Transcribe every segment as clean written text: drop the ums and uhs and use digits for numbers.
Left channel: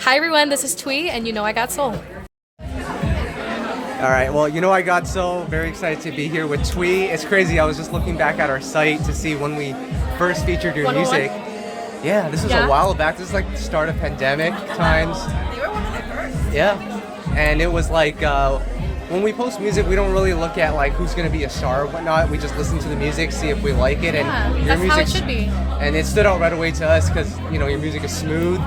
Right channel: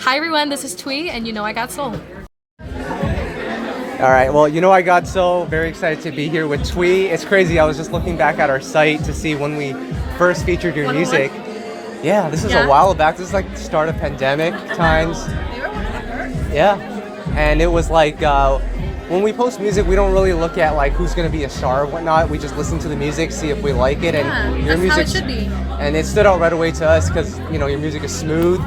Hi everyone, this is Thuy, and you know I got soul. All right, well, you know I got so very excited to be here with Thuy. It's crazy, I was just looking back at our site to see when we first featured your 101? music. Yeah, this was Yeah. a while back. This is like the start of pandemic times. Yeah, and it was like when we post music, we don't really look at like who's gonna be a star or whatnot. We just listen to the music, see if we like it, and Yeah, your that's how music it should be. And it stood out right away to us because your music is smooth,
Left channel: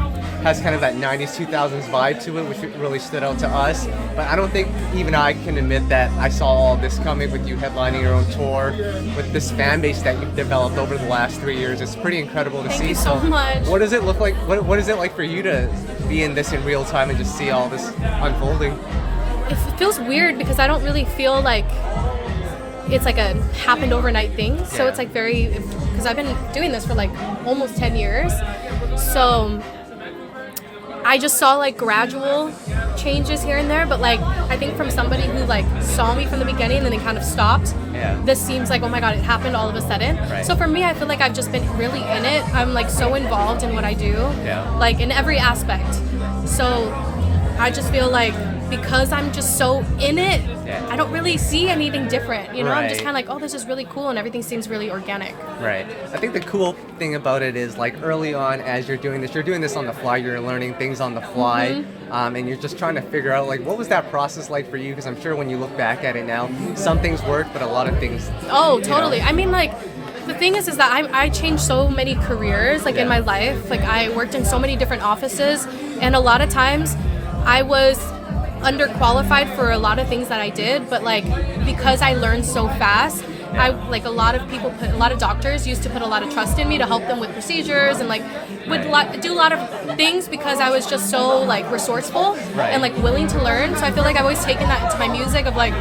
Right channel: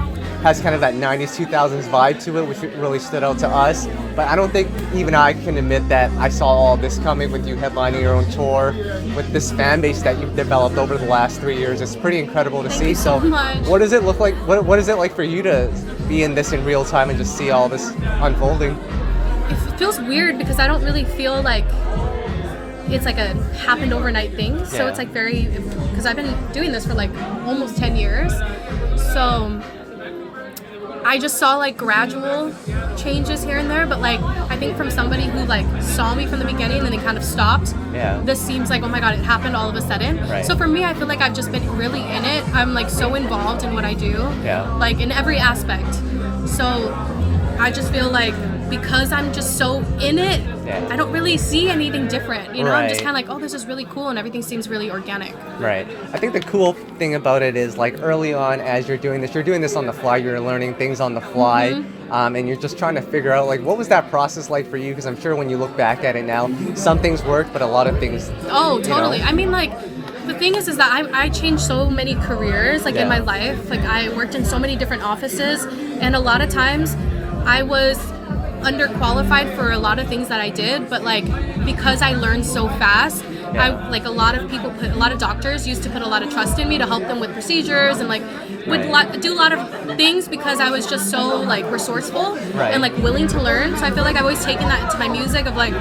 has kind of that 90s 2000s vibe to it, which really stood out to us. But I don't think even I can admit that I saw all this coming with you headlining your own tour, with this fan base that you've developed over the last 3 years. It's pretty incredible to Thank see. you so much. What does it look like? What is it like for you to be in this in real time and just see all this unfolding? It feels weird because I don't really feel like it's like a happened overnight thing. So Yeah. it's like because I've been doing this for like almost 10 years. So I just saw like gradual changes here and there, but like I think from somebody who like saw me from the beginning and then it kind of stopped, Yeah. this seems like, oh my god, it happened all of a sudden. Right. So for me, I feel like I've just been really in it. I'm like so involved in what I do, Yeah. like in every aspect. So I just feel like because I'm just so in it, Yeah. I don't really see anything different. I'm just Right. kind of like, oh, this is really cool, and everything seems really organic. Right. I think the cool thing about it is like early on as you're doing this on the fly, you're learning things on the fly, and you're just trying to figure out like what was that process like for you? Because I'm sure when you look back at it now, some things work, but a lot of things. Oh, totally. know. I mean, like, the thing is that I changed so many careers, like, Yeah. in my life. Like, I worked in so many different offices, and a lot of times I was underqualified for a lot of things that I did, but, like, because I learned so fast, Yeah. a lot of doctors used to put a lot of trust in me to help them with procedures and, like, would do a lot of things because I was just so, like, resourceful Right. and, like, willing to learn. So I feel like I've always taken that into my music of, like,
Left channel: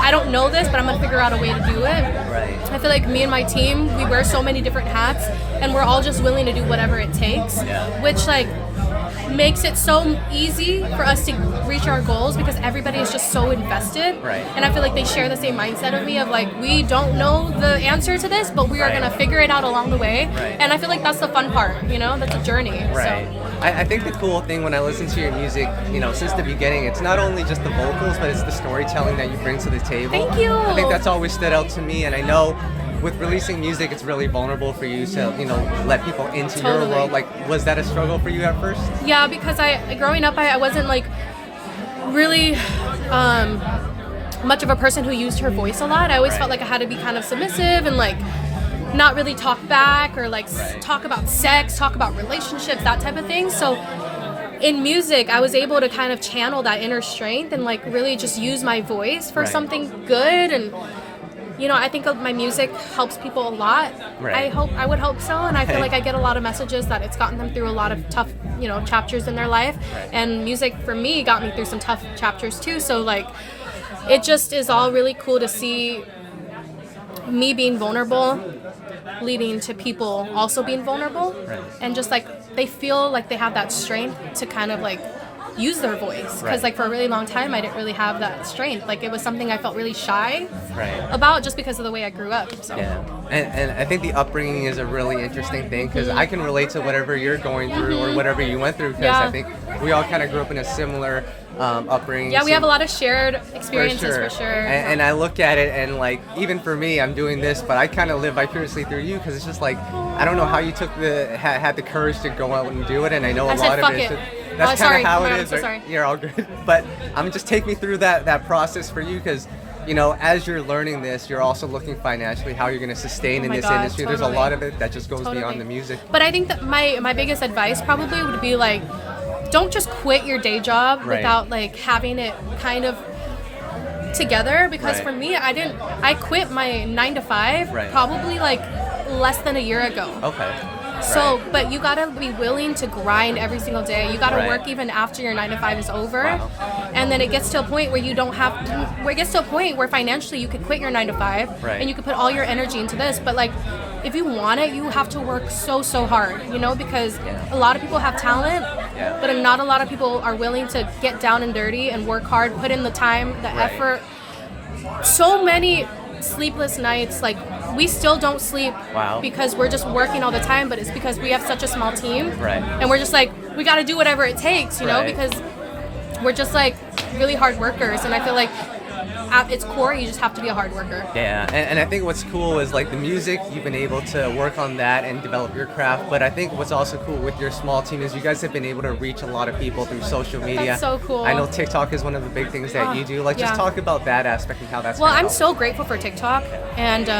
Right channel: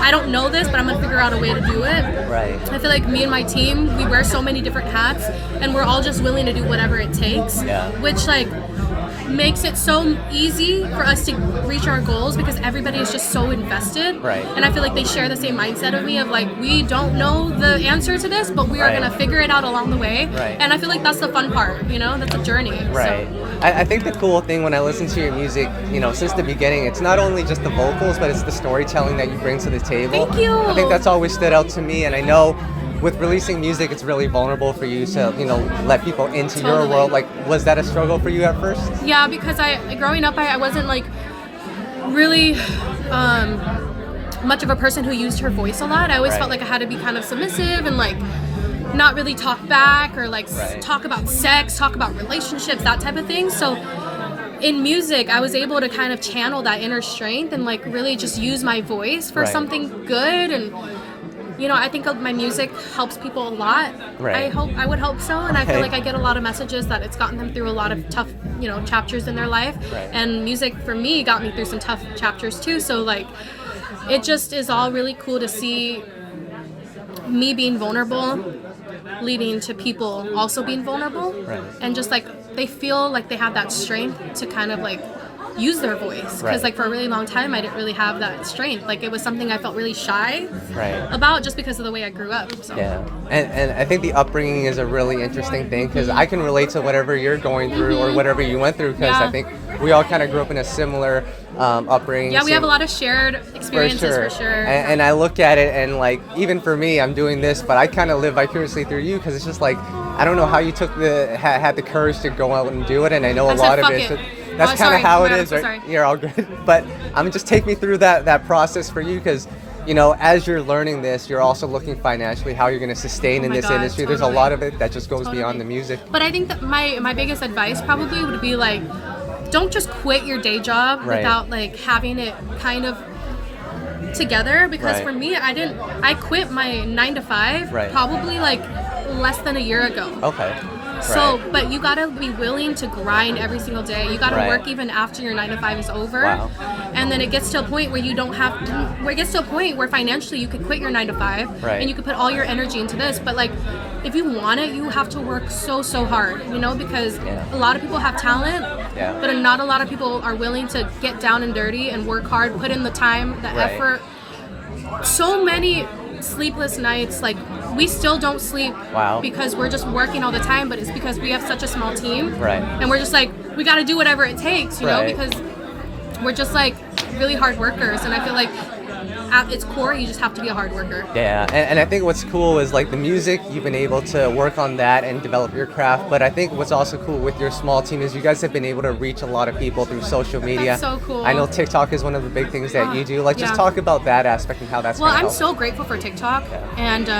I don't know this, but I'm gonna figure out a way to do it. Right. I feel like me and my team, we wear so many different hats, and we're all just willing to do whatever it takes, Yeah. which like makes it so easy for us to reach our goals because everybody is just so invested. Right. And I feel like they share the same mindset of me of like, we don't know the answer to this, but we are Right. gonna figure it out along the way. Right. And I feel like that's the fun part, that's a journey. Right. So. I think the cool thing when I listen to your music, since the beginning, it's not only just the vocals, but it's the storytelling that you bring to the table. Thank you. I think that's always stood out to me, and I know with releasing music, it's really vulnerable for you to, let people into your Totally. world. Like, was that a struggle for you at first? Yeah, because growing up, I wasn't like really much of a person who used her voice a lot. I always Right. felt like I had to be kind of submissive and like not really talk back or like Right. talk about sex, talk about relationships, that type of thing. So in music, I was able to kind of channel that inner strength and like really just use my voice for Right. something good. And I think my music helps people a lot. Right. I would hope so, and I feel Right. like I get a lot of messages that it's gotten them through a lot of tough, chapters in their life. Right. And music for me got me through some tough chapters too. So like, it just is all really cool to see me being vulnerable, leading to people also being vulnerable, Right. and just like they feel like they have that strength to kind of like use their voice because Right. like for a really long time I didn't really have that strength. Like it was something I felt really shy Right. about just because of the way I grew up. So. Yeah, and I think the upbringing is a really interesting thing because I can relate to whatever you're going through or whatever you went through because Yeah. I think we all kind of grew up in a similar upbringing. Yeah, we so- have a lot of shared experiences for sure. And I look at it and like even for me, I'm doing this, but I kind of live vicariously through you because it's just like I don't know how you took had the courage to go out and do it, and I know a I said, lot of "Fuck it. it." So Oh, that's kind sorry. of how Oh my it God, I'm is. so Right? sorry. You're all good, but just take me through that process for you because. As you're learning this, you're also looking financially how you're going to sustain Oh in my this God, industry. There's a totally. lot of it that just goes Totally. beyond the music. But I think that my biggest advice probably would be like, don't just quit your day job Right. without like having it kind of together because Right. for me I quit my 9 to 5 Right. probably like less than a year ago. Okay. So, Right. but you gotta be willing to grind every single day. You gotta Right. work even after your 9 to 5 is over. Wow. And then it gets to a point where you don't have, where it gets to a point where financially you could quit your 9 to 5 Right. and you could put all your energy into this. But like, if you want it, you have to work so hard, because Yeah. a lot of people have talent, Yeah. but not a lot of people are willing to get down and dirty and work hard, put in the time, the Right. effort. So many sleepless nights, like we still don't sleep Wow. because we're just working all the time, but it's because we have such a small team. Right. And we're just like, we got to do whatever it takes, you know, because we're just like really hard workers, and I feel like at its core, you just have to be a hard worker. Yeah, and I think what's cool is like the music, you've been able to work on that and develop your craft, but I think what's also cool with your small team is you guys have been able to reach a lot of people through social media. That's so cool. I know TikTok is one of the big things that you do. Like, just talk about that aspect and how that's Well, I'm helped. so grateful for TikTok, and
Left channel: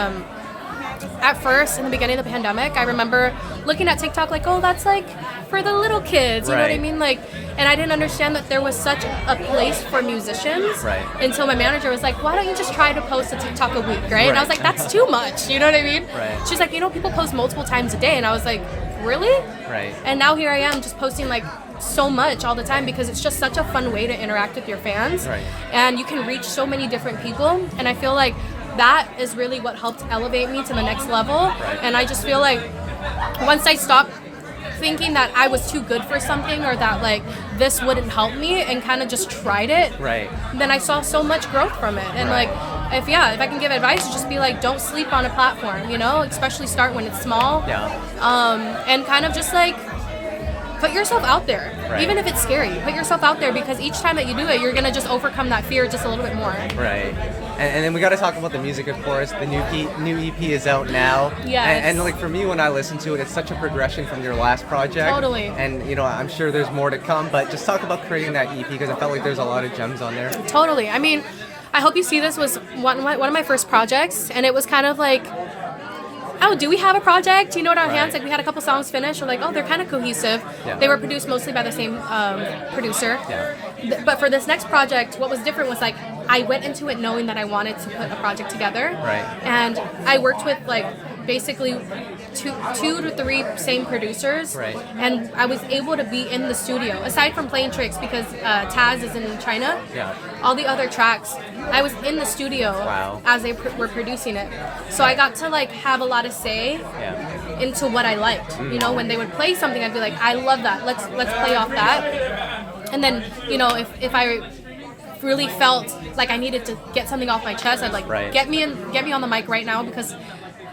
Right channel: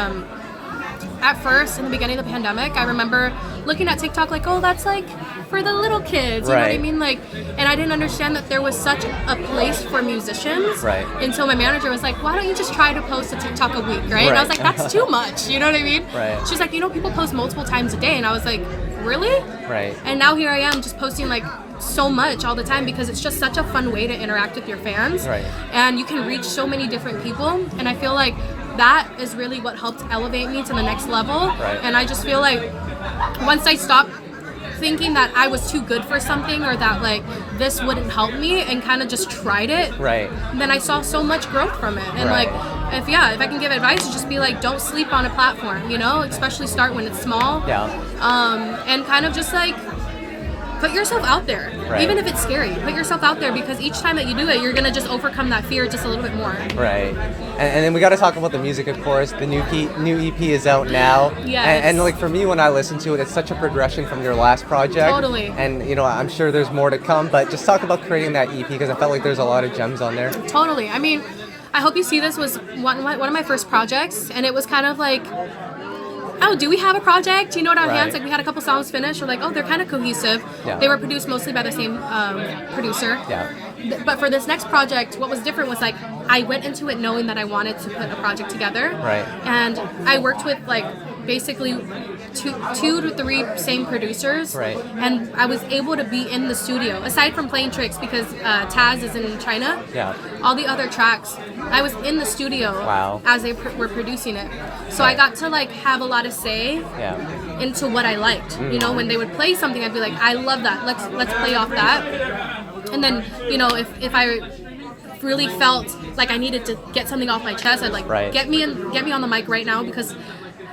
at first, in the beginning of the pandemic, I remember looking at TikTok like, oh, that's like for the little kids, you know what I mean? Like, and I didn't understand that there was such a place for musicians. Right. Until my manager was like, why don't you just try to post a TikTok a week, right? And I was like, that's too much, you know what I mean? Right. She's like, you know, people post multiple times a day, and I was like, really? Right. And now here I am just posting like so much all the time because it's just such a fun way to interact with your fans. Right. And you can reach so many different people, and I feel like that is really what helped elevate me to the next level. Right. And I just feel like once I stopped thinking that I was too good for something or that like this wouldn't help me and kind of just tried it, then I saw so much growth from it. And like if I can give advice, to just be like, don't sleep on a platform, you know, especially start when it's small. And kind of just like put yourself out there, even if it's scary. Put yourself out there, because each time that you do it, you're gonna just overcome that fear just a little bit more. Right. And then we got to talk about the music, of course. The new EP is out now. Yes. And like for me, when I listen to it, it's such a progression from your last project. Totally. And you know, I'm sure there's more to come. But just talk about creating that EP, because I felt like there's a lot of gems on there. Totally. I mean, I hope you see this was one of my first projects, and it was kind of like, oh, do we have a project? You know, at our hands, like we had a couple songs finished. We're like, oh, they're kind of cohesive. They were produced mostly by the same producer. But for this next project, what was different was like I went into it knowing that I wanted to put a project together. And I worked with like basically two to three same producers. And I was able to be in the studio, aside from playing tricks, because Taz is in China. All the other tracks, I was in the studio as they were producing it. So I got to like have a lot of say into what I liked. You know, when they would play something, I'd be like, I love that. Let's play off that. And then, you know, if I really felt like I needed to get something off my chest, I'd like get me on the mic right now, because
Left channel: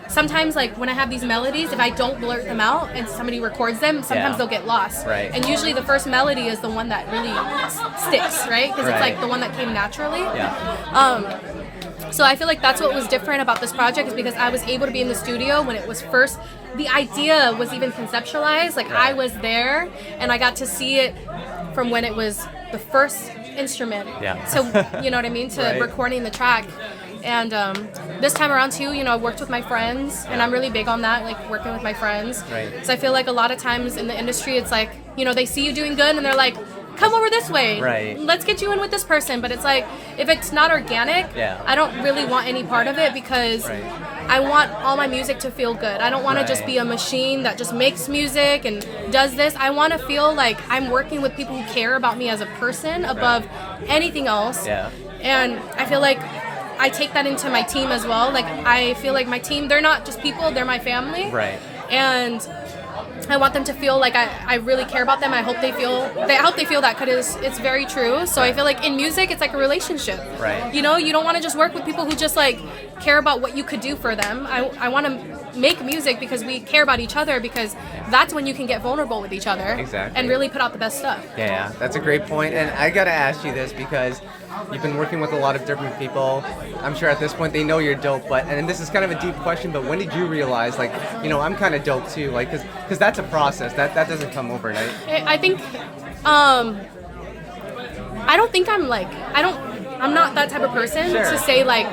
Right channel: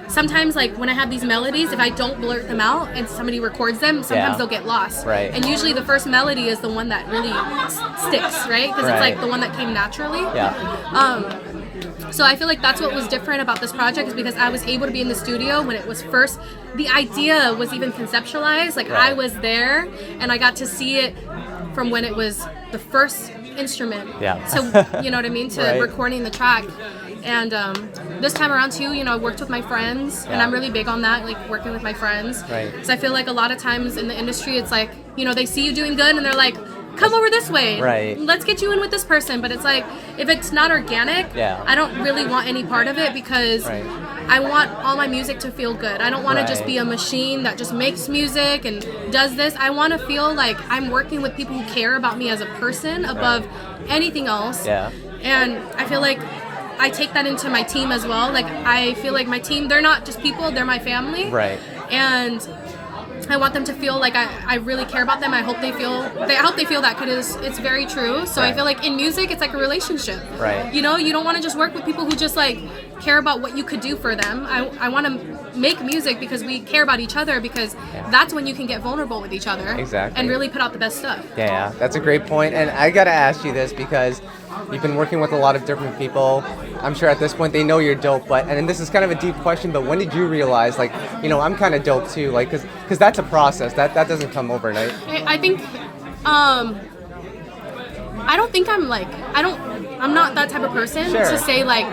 sometimes like when I have these melodies, if I don't blurt them out and somebody records them, sometimes they'll get lost. And usually the first melody is the one that really sticks, right? Because it's like the one that came naturally. So I feel like that's what was different about this project, is because I was able to be in the studio when it was first, the idea was even conceptualized. Like I was there and I got to see it from when it was the first instrument. So, you know what I mean? To recording the track. And this time around too, you know, I worked with my friends, and I'm really big on that, like working with my friends. Because I feel like a lot of times in the industry, it's like, you know, they see you doing good and they're like, come over this way. Let's get you in with this person. But it's like, if it's not organic, I don't really want any part of it, because I want all my music to feel good. I don't want to just be a machine that just makes music and does this. I want to feel like I'm working with people who care about me as a person above anything else. And I feel like I take that into my team as well. Like I feel like my team, they're not just people, they're my family. And I want them to feel like I really care about them. I hope they feel that, because it's very true. So I feel like in music, it's like a relationship. You know, you don't want to just work with people who just like care about what you could do for them. I want to make music because we care about each other, because that's when you can get vulnerable with each other. And really put out the best stuff. Yeah, that's a great point. And I got to ask you this, because you've been working with a lot of different people. I'm sure at this point they know you're dope, and this is kind of a deep question, but when did you realize, like, you know, I'm kind of dope too? Like, because that's a process. That doesn't come overnight. I think, I don't think I'm not that type of person to say, like,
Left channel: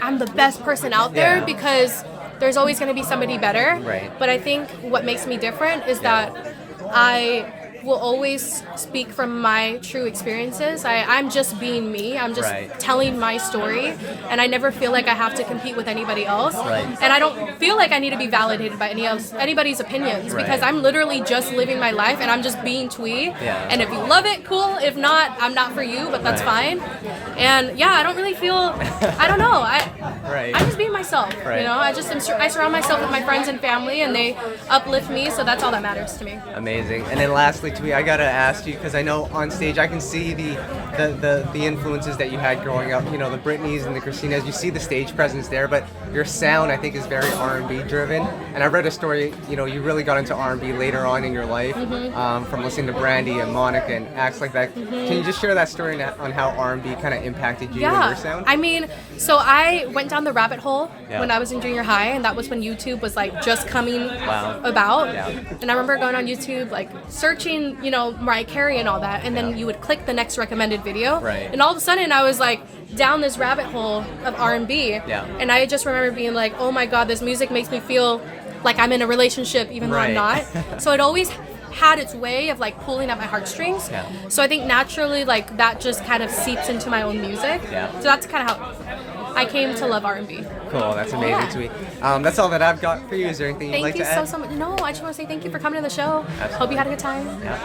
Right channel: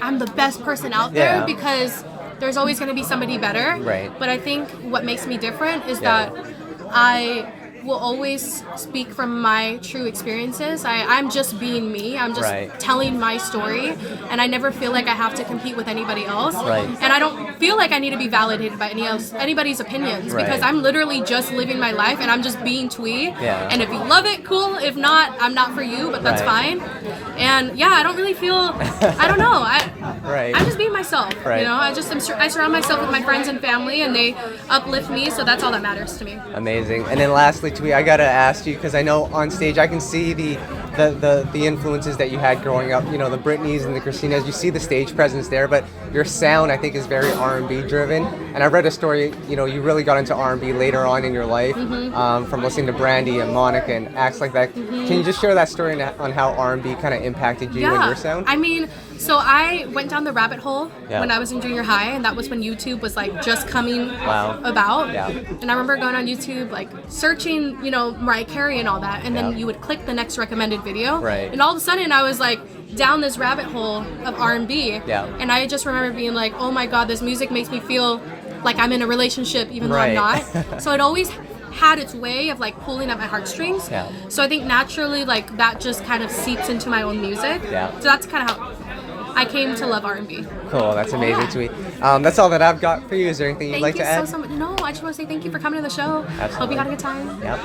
I'm the best person out there, because there's always going to be somebody better. But I think what makes me different is that I will always speak from my true experiences. I'm just being me. I'm just telling my story, and I never feel like I have to compete with anybody else. And I don't feel like I need to be validated by anybody's opinions, because I'm literally just living my life, and I'm just being Thuy. And if you love it, cool. If not, I'm not for you, but that's fine. And I don't really feel, I don't know. I'm just being myself. You know, I surround myself with my friends and family, and they uplift me, so that's all that matters to me. Amazing. And then lastly, Thuy, I gotta ask you, because I know on stage I can see the the influences that you had growing up, you know, the Britneys and the Christinas, you see the stage presence there, but your sound, I think, is very R&B driven. And I read a story, you know, you really got into R&B later on in your life, from listening to Brandy and Monica and acts like that. Can you just share that story on how R&B kind of impacted you and your sound? I mean, so I went down the rabbit hole Yeah. when I was in junior high, and that was when YouTube was like just coming about. Yeah. And I remember going on YouTube, like searching, you know, Mariah Carey and all that, and then you would click the next recommended video, Right. and all of a sudden I was like down this rabbit hole of R&B, and I just remember being like, oh my god, this music makes me feel like I'm in a relationship even though I'm not. So it always had its way of like pulling at my heartstrings. So I think naturally like that just kind of seeps into my own music. So that's kind of how I came to love R&B. Cool, that's amazing, sweet. That's all that I've got for you. Is there anything you'd like to add? Thank you so much. No, I just want to say thank you for coming to the show. Absolutely. Hope you had a good time. Yep.